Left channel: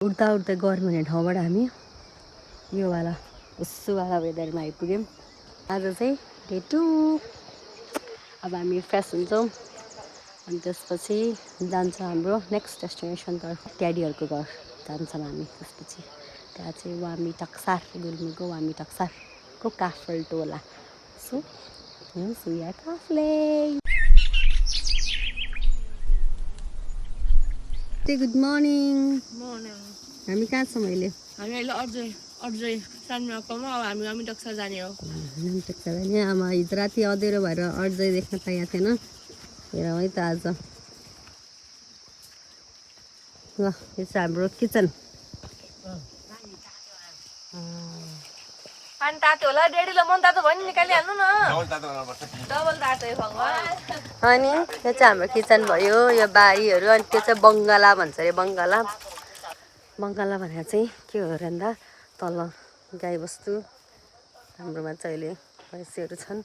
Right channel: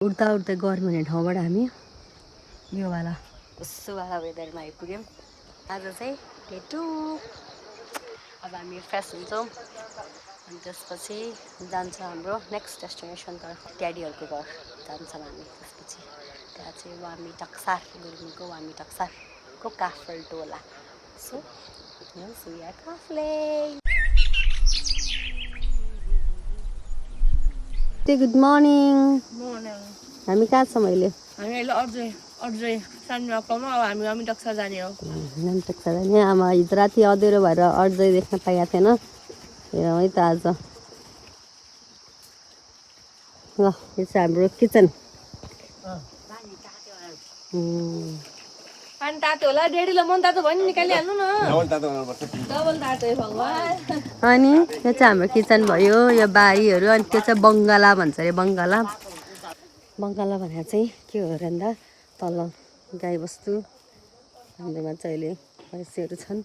उड्दा उड्दै गर्मी हुने ठाउँबाट हामी यो वाला उसुवाला वेदरमा आइपुग्यौँ। आज चाहिँ डे 2। अब हामी फ्रेस हुन्छौँ अनि त्यसपछि जान्छ हाम्रो नेक्स्ट डेस्टिनेसनतर्फ ड्याडीहरूको घर जान्छौँ हामी। त्यसपछि त्यहाँ चाहिँ वामी टक्सार गुल्मीको वामी टक्सारको काफल टोला। So good morning. हामी कहाँ छौँ अहिले? हामी अहिले अझै सानो अब हामी वामी टक्सार जाने हो। वामी टक्सार जाने। आमा हिजो राति अँध्यारो भएर अझै देख्न पाइएको थिएन। हेरौँ है त आज। ल यो चाहिँ हाम्रो किचन। पानी तातो होला डेडीलाई मन तातो भयो नि निकालिहाल्नु न। डबल तातो है भगवान्। अनि यो चाहिँ हाम्रो किचन भयो। यो बारीहरू अनि त्यो चाहिँ बङ्गाला भन्छ अरे। बङ्गाला भनेर चाहिँ के हो र भन्दा तल गाईबस्तु हाम्रोमा चाहिँ अहिले भैँसीहरू छन्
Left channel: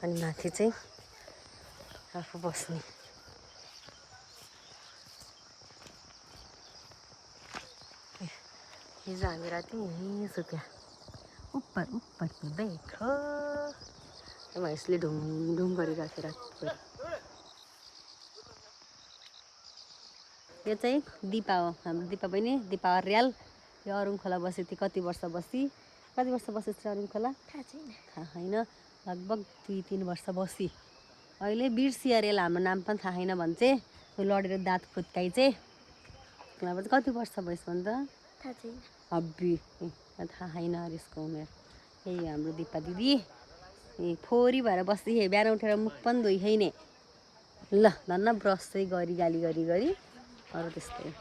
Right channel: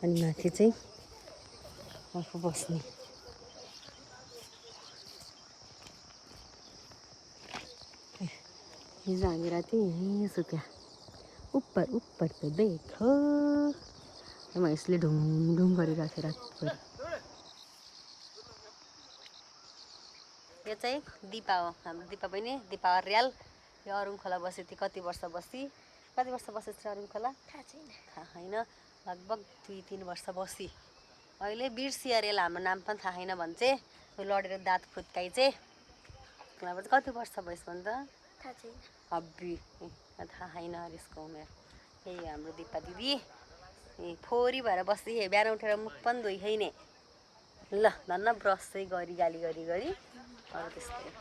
अनि माथि चाहिँ आफू बस्ने। हिजो हामी राति यहीँ सुत्यो। ऊपरको देखो भैँसीले ढुङढुङ गरिरहेको थियो रातभर। यो चाहिँ दिपा हो, हाम्रो दिपा बहिनी, दिपा अर्याल। यो अरुङ खोला बसी थियो। कति वर्ष बसेछ अरुङ खोला थाहा छैन। लगभग 2-3 वर्ष बसी। अहिले बिर्सी अर्याल हाम्रो नाम पनि थाहा छैन भन्छ। त्यो लडेर दाँत खुत्काइ चाहिँ अब चाहिँ कति वर्ष भएछ भन्छ हब्बी थाहा छैन यसको उमेर। यही हाम्रो दिपा दिदी फोरी भएर बस्दै बिहान उठेर मुख पनि धोइ छैन। ल धन्न ब्रस चाहिँ गरी गाली गरी अरू त्यस्तै।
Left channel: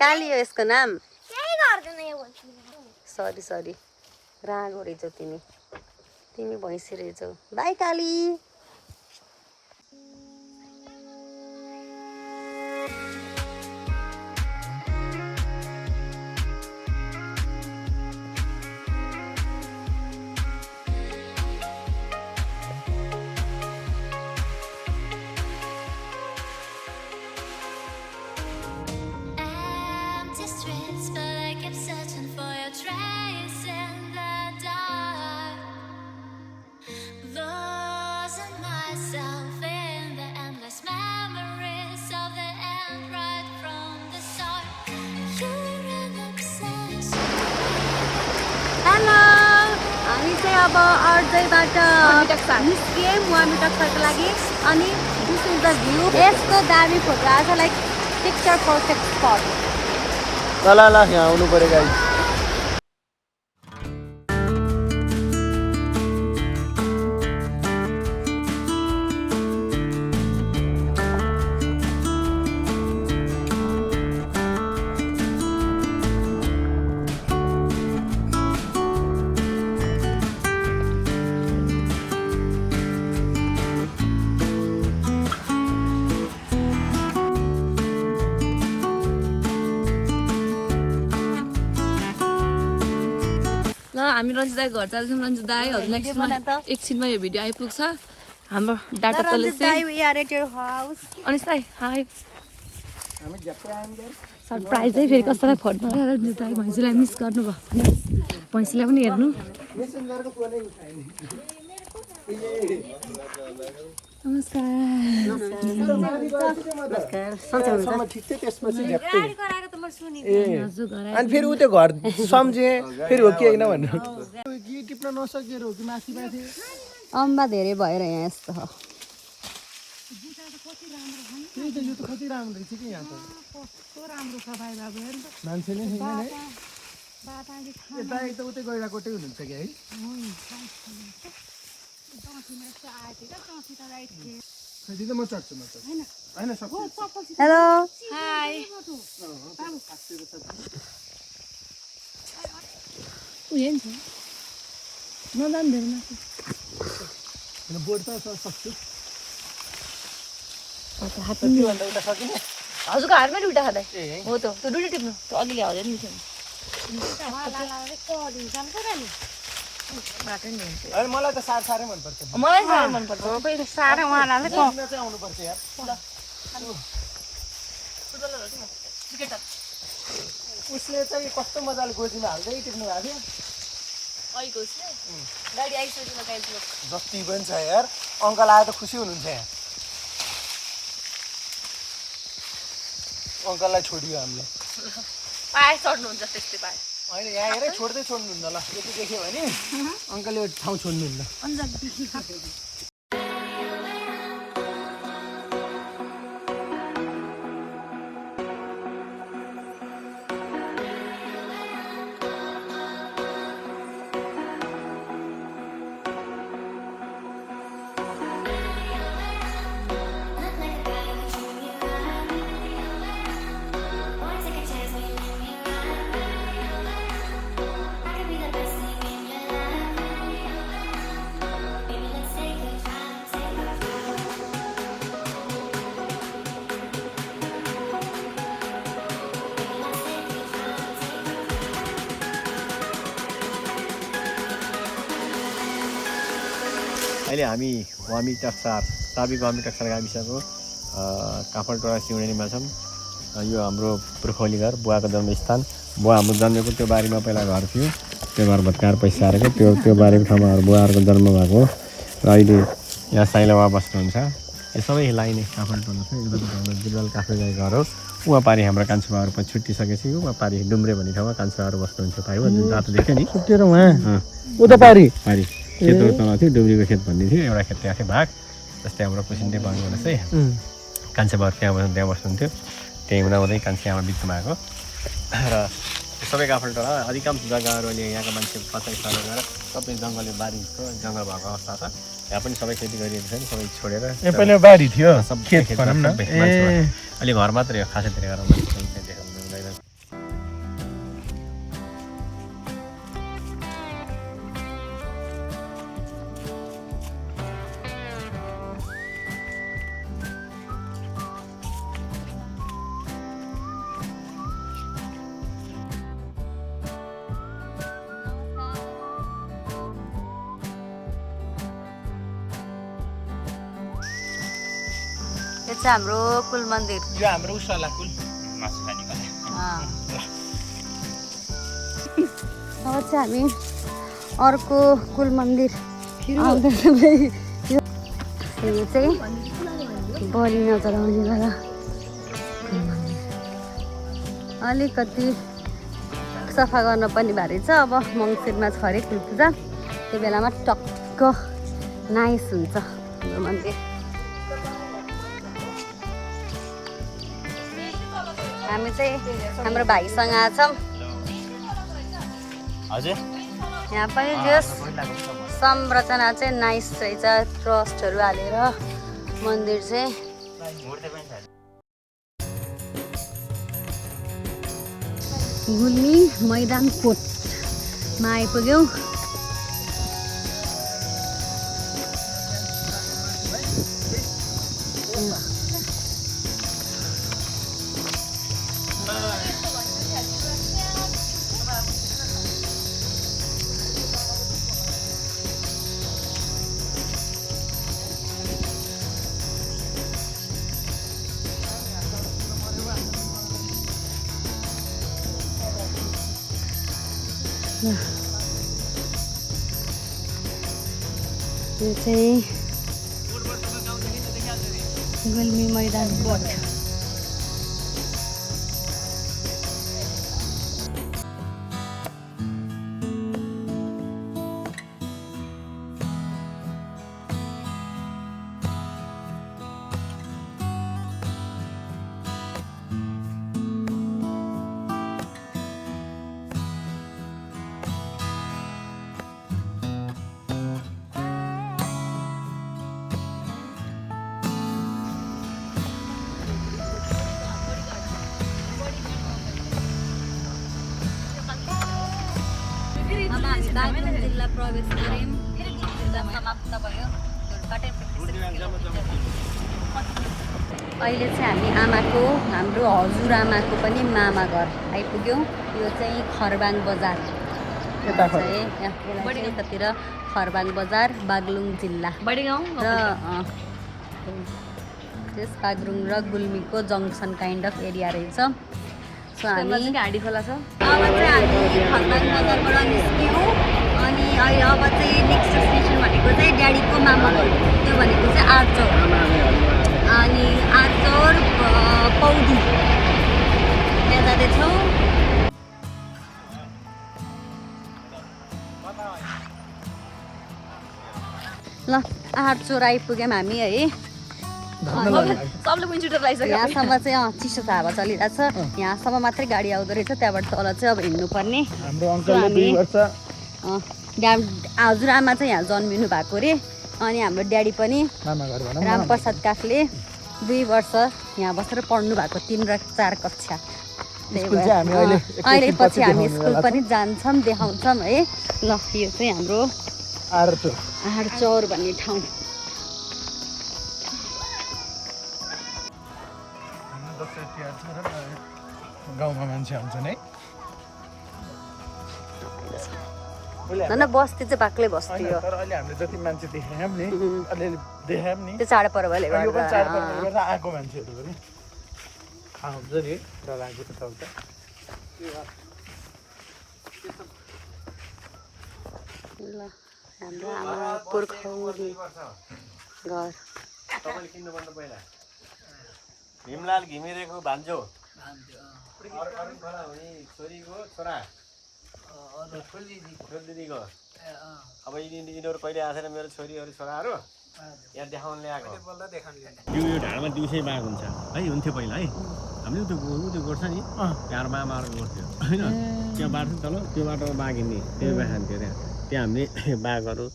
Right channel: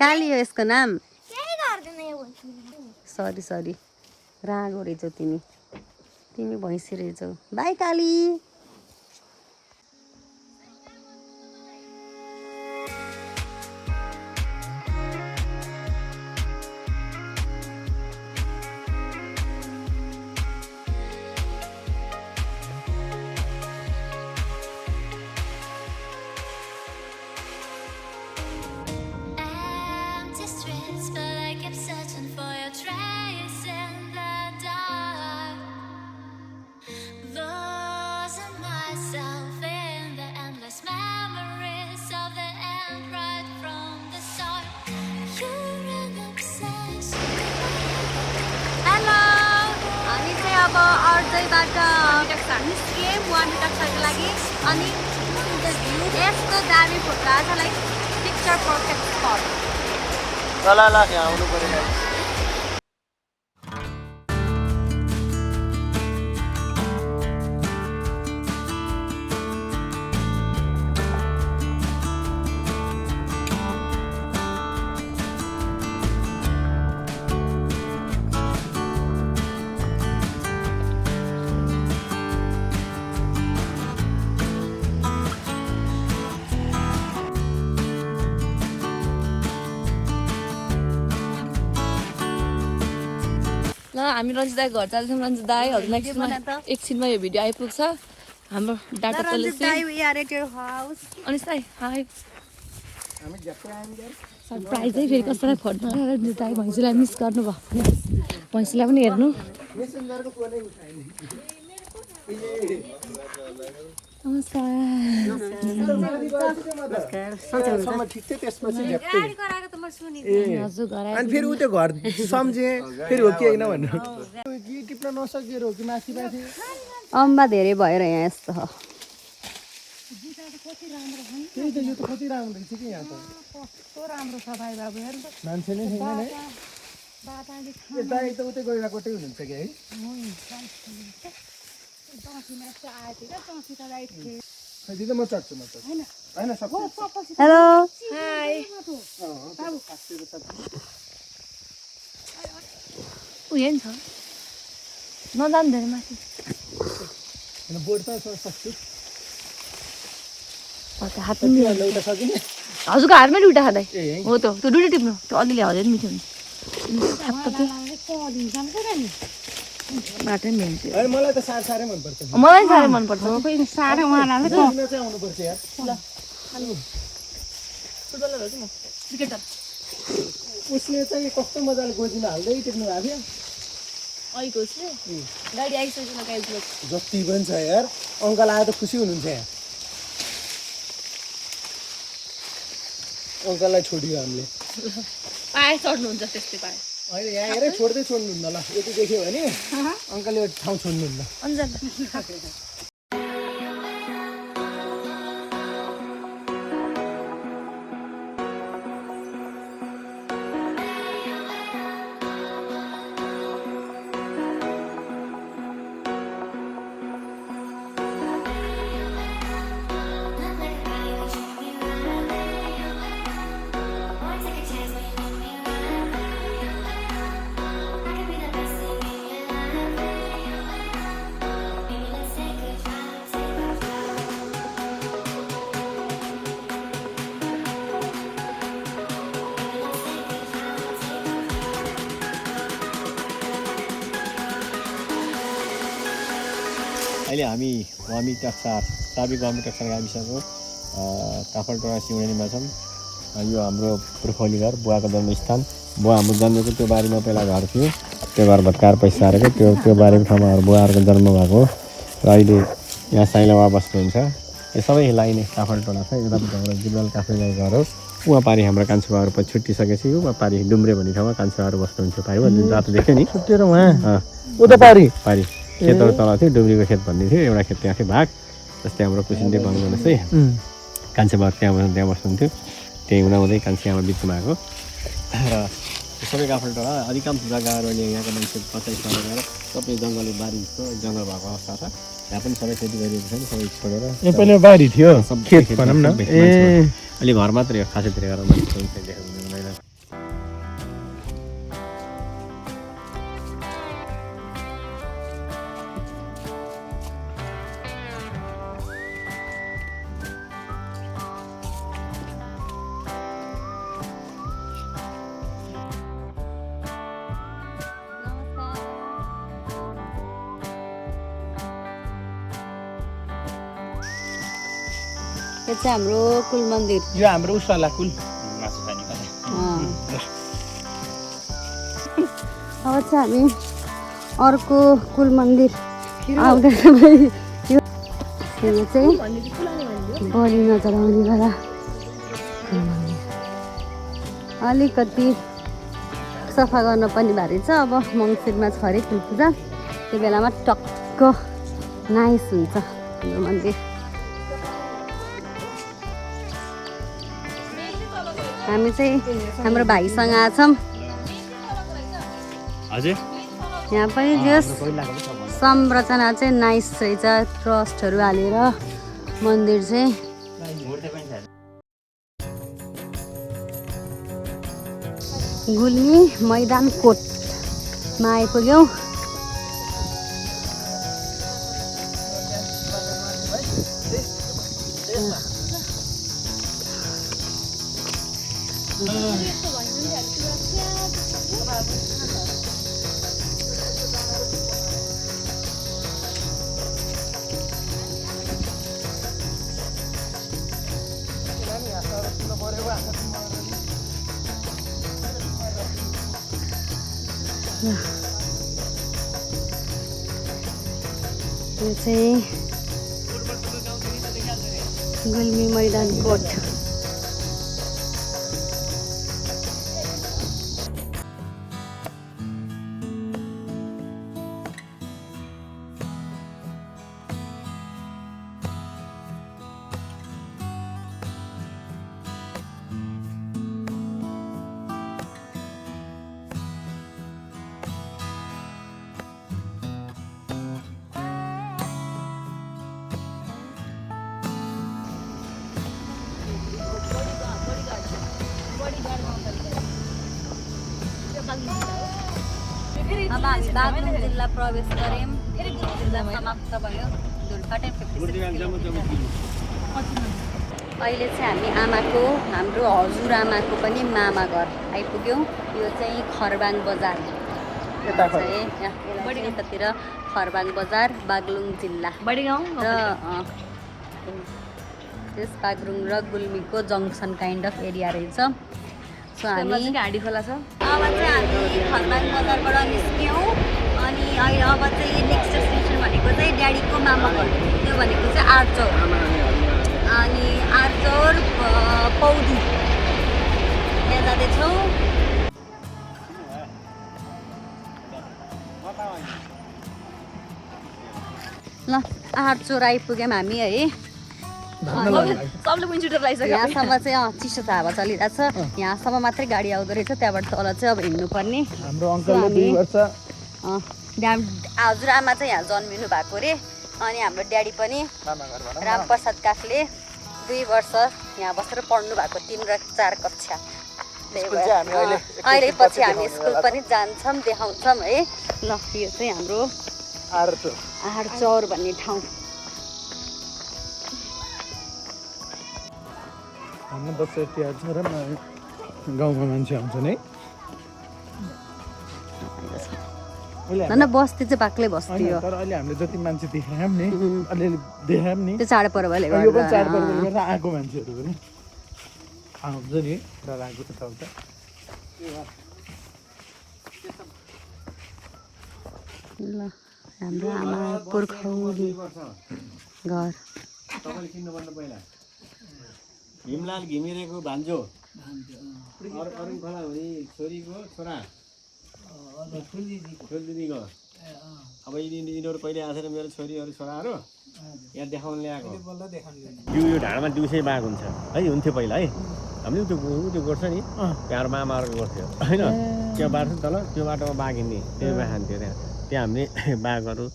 काली हो यसको नाम। सरी रागो रहेछौ तिमी भैँसी रहेछौ। बाई काली। अब अर्जैबाट निस्किएँ वामी टक्सारको लागि। अनि दिस इज द भ्यू। यस्तो दामी फोटो आज लाइक पिक्चर पर्फेक्ट स्पट। ल यहाँ आउनु पर्यो गाइस। ल हामी रञ्जित दाई घर जान्छौँ। रञ्जित दाईहरूलाई एकछिनमा यो भिडियो आइपुग्छ। हाम्रो डाटा अनि दाई हाई सरप्राइज है। फेरि कसैलाई फोन रञ्जित दाई भैँसीलाई मिस गर्नुभयो। भैँसीलाई पनि हेर्नु। नमस्कार। अनि फेरि उ त्यो घर सम्झे फेरि हो कि होइन भन्नु। टिप्न नसकेर हो कि माथि अम्बा धेरै भएर यहाँ यस्तो हो। यो त कति राम्रो रहेछ कि यहाँ त। कस्तो राम्रो छ भाइ बाबु हेर्नु त। मान्छे नै छैन है। बाटाले दाइ त उतै गइरहेकोटै हुनुहुन्छ कि है। चौँसीमा यस्तो आएको थियो क्या। चौँसी त लाइट थियो। दिदी म चढ्छु होइन सक्छु। हेलो हाई उयो नि छ नजानु धेरै माथि। बोर्ड त सक्छु। हजुरको हातमै दुइटा खाँदै हो त। त्यो दुइटा टिप्नु। त्यो अलिअलि हरियो नि बाटो नि हुन्छ अनि मलाई त साह्रै मनपर्छ मलाई साह्रै मनपर्छ पनि साह्रै उहाँलाई किन चाहिँ आउनुपर्छ यार फुटबलर हो कि म क्रिकेटर उसले चाहिँ कस्तो मजाले गोजीमा हाल्दै टिप्नु भएको थियो अहिलेको उसले गाडी आइसकेन गाइज लोक जति पनि छ यार अङ्कल आएर त खुसी हुनुहुन्छ यहाँ अङ्कललाई छोडियो हामीले पाए चढ्नुहुन्छ त्यस्तै पाए होइन यहाँ हेरेर छोड्दै छोड्नुहुन्न ल यति देख्यो भने अङ्कलले यो ठाउँ छोड्नुहुन्न अहिले हामी वामी टक्सार साबिक वामी टक्सार गाविसको काफलटोडा सिउडेनीमा छौँ। यो हाम्रो पुर्खौली घर बुवाको जन्मस्थान। बुवा हाम्रो जन्मेको त्यो बारीमा पहिला घर थियो, त्यो घर भत्काएर पैसा हारेको त्यो बारीको ठाउँमा बुवाहरूको जन्म भएको हो र अहिले यहाँ साइलावा बस्नुहुन्छ। यो सबै लाइने काफलटोडा छ। यतापट्टि हाम्रो जिल्लाल काफले घर हो। उहाँ पारि हाम्रो कान्छुबाहरू पछि छुट्टिसकेपछि उहाँ पारि डुम्रे भन्ने ठाउँमा कान्छुबाहरू बस्नुहुन्छ। पारि रातो देख्यो नि छुट्टिएर उहाँ उता पारि खेतहरू तल थियो, डुब्रीको खेत भन्ने थियो। एउटा खेत त्यहाँ थियो भाग, जस्तै हाम्रो कुसिन्डे भन्नु जस्तै कान्छेबार त्यहाँ बस्नुहुन्थ्यो। त्यही हुँदाहुँदै कान्छे आमा बिचमा आएको र सबै काफलटोडा अधिकांश जग्गाहरू अहिले यहाँको मान्छे पचाइ सरेर गएर सबै जङ्गलले बारीको जङ्गल भएको अवस्था छ। यहाँ पनि सबै खेती गरिएको छ नि, सबै छोडेर पनि बारी थियो सबै भनौँ न अलि घर मात्रै हो, खासै गरेर मान्छे यो चाहिँ हाम्रो कुल मन्दिर। यो हाम्रो उसवाला कुल अब चाहिँ हामी अर्को कुल मन्दिर आउँदैछ। यो चाहिँ बलियो जमिनवाला अलिकति सफा गर्न पनि भारी छ। अब मङ्सिरमा छरिक हुन्छ, त्यो बेलामा टक्क नाइस हुन्छ मन्दिर। हामी चाहिँ हाम्रो भाइसँग आछौँ। हजुर यहाँ पनि जस संरचना चाहिँ नाइस रहेछ, ट्रस्टहरू हालेर मन्दिर चाहिँ। गुल्मी मैदान कोटमा आइपुग्यौँ। यो चाहिँ गुल्मी मैदान कोट। जिल्ला प्रवेश गऱ्यौँ। समाप्त भयो। अहिले चाहिँ हामी हाम्रो हजुरआमाको पनि मामा घर आइपुग्यौँ। यो चाहिँ खरबाङ बजार। यतातिर खरबाङ बजार बागलुङ जिल्ला बढी गाउँ र त्यस बागलुङ र गुल्मीको जङ्सन काइन्ड अफ एरिया रहेछ। सो हामी हाँडी खोला छ। अब चाहिँ हामी खरबाङ बजारबाट निस्क्यौँ अनि अहिले अब चाहिँ नेक्स्ट डेस्टिनेसन भनेको चाहिँ ड्याडीको मामा घर, त्यो भनेको चाहिँ आर्चौर अनि आर्चौर पौडी त्यहाँ जाँदैछौँ। ल आर्चौर आइपुग्यौँ हामी है। सबले पनि छिटो लगाइसक्यो। यहाँसम्म चाहिँ चिसो त हावा चलिरहेछ, यहाँसम्म मात्रै गाडी आउँदो रहेछ, त्यहाँबाट तल चाहिँ अब हिँड्नुपर्ने। हाम्रो अङ्कलले 2 वर्ष हजुरआमा चाहिँ यहाँ जन्मिनु भएको अरे अनि हाम्रो ड्याडी पनि मामा घर भनौँ न। रामप्रसाद काकले 2 वर्ष यहाँ बसेर पढ्नु भएको 3 र 4 कक्षा। स्कुल चाहिँ हामी अहिले पछि हामी स्कुल पनि जान्छौँ देखाउँछौँ है। ल यो चाहिँ हाम्रो आर्चौर भन्ने ठाउँ। हाम्रो दसैँ तिहार छ र गाउँमा मान्छे आउँछन् है। होइन बस्ती चाहिँ बाक्लै बस्ती हो, तर अहिले हामीले जति मान्छे देख्यौँ नि अलिअलि देख्यौँ नि त्यो चाडपर्वले यो पनि चाडपर्वले गर्दा आएको मान्छेहरू पनि आउँछ नि भीमलाल घिमिरेको भान्जो अरुण खोला हुने छोरीको छोरा दिदीको। अब यिनीहरू कहिले आएर मेरो छोरीहरू छोराहरू यहाँ देखाउन ल्याएको। यो ढाडमा दिउँसै बाघ हुन्छ है, हुन्थ्यो पहिला है। हामीले त्यो गर्छ नि त्यहाँ मामाहरूको गर्थ्यो होइन, त्यो बाटो तल त्यो बाटोमा बाघ हिँड्ने त्यही बाघ खान्थ्यो। त्यहाँ हामीले बाघहरू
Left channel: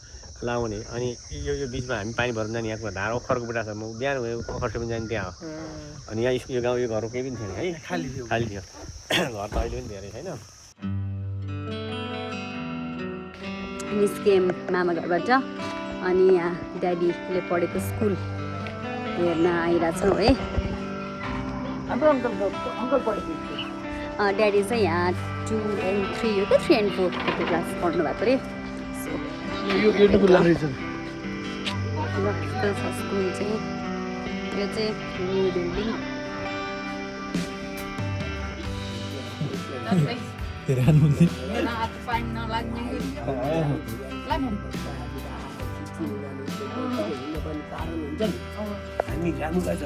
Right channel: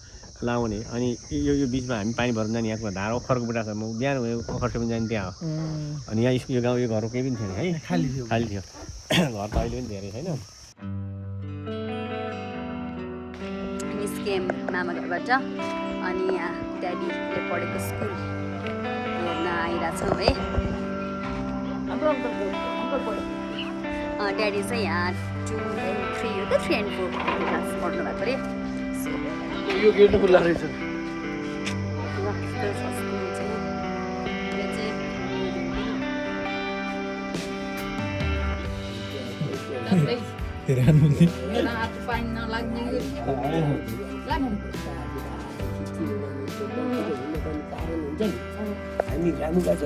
लाउने अनि यो बिचमा हामी पानी भर्नु जाने। यहाँको धार ओखरको बुढा छ, म बिहान भयो ओखर पनि जाने त्यहाँ हो। अनि यहाँ यो गाउँ यो घर केही पनि थिएन है, खाली थियो घर त अहिले पनि धेरै छैन। निस्क्यौँ मामा घरबाट अनि यहाँ ड्याडीले पढेको स्कुल हेर्न आइरहेछौँ है। ड्याडी चाहिँ यहाँ 2 and 3 हो क्या 3 and 4 क्लास पढ्नु भएको अरे। यो गेट खुल्ला रहेछ। यो चाहिँ न्यू बिल्डिङ। हामी जानुका छ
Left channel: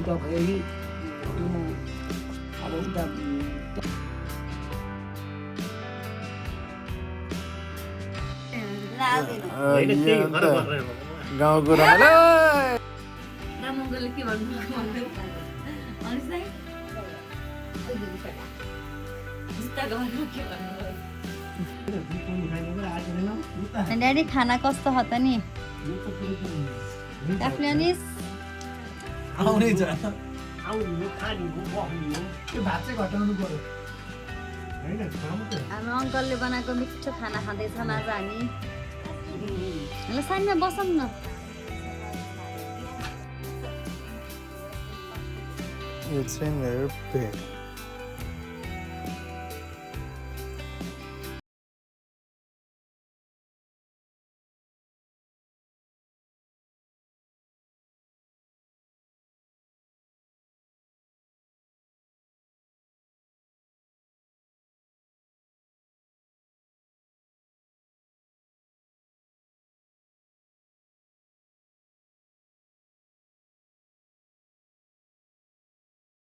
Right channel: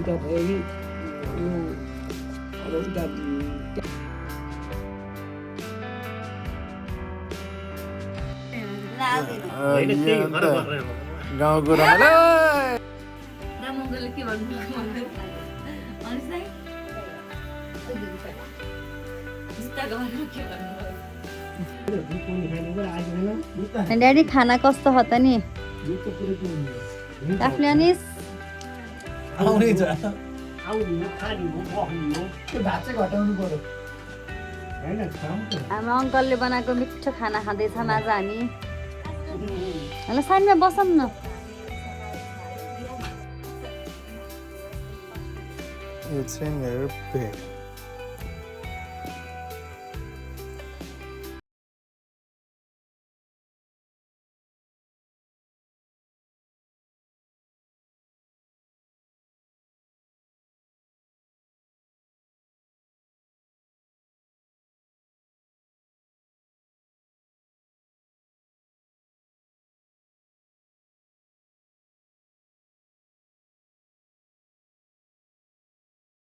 उता भयो अब उता गाउँको रमाइलो रामङ्गलले के भन्नु ड्याडी खाना कस्तो हो त नि आफूले अनि आउने छ हाम्रो अङ्कलले बनाएको मिठो खाना खाँदैछौँ आज हामी। ल साँझमा बसौँ न। यो चाहिँ मेरो पेट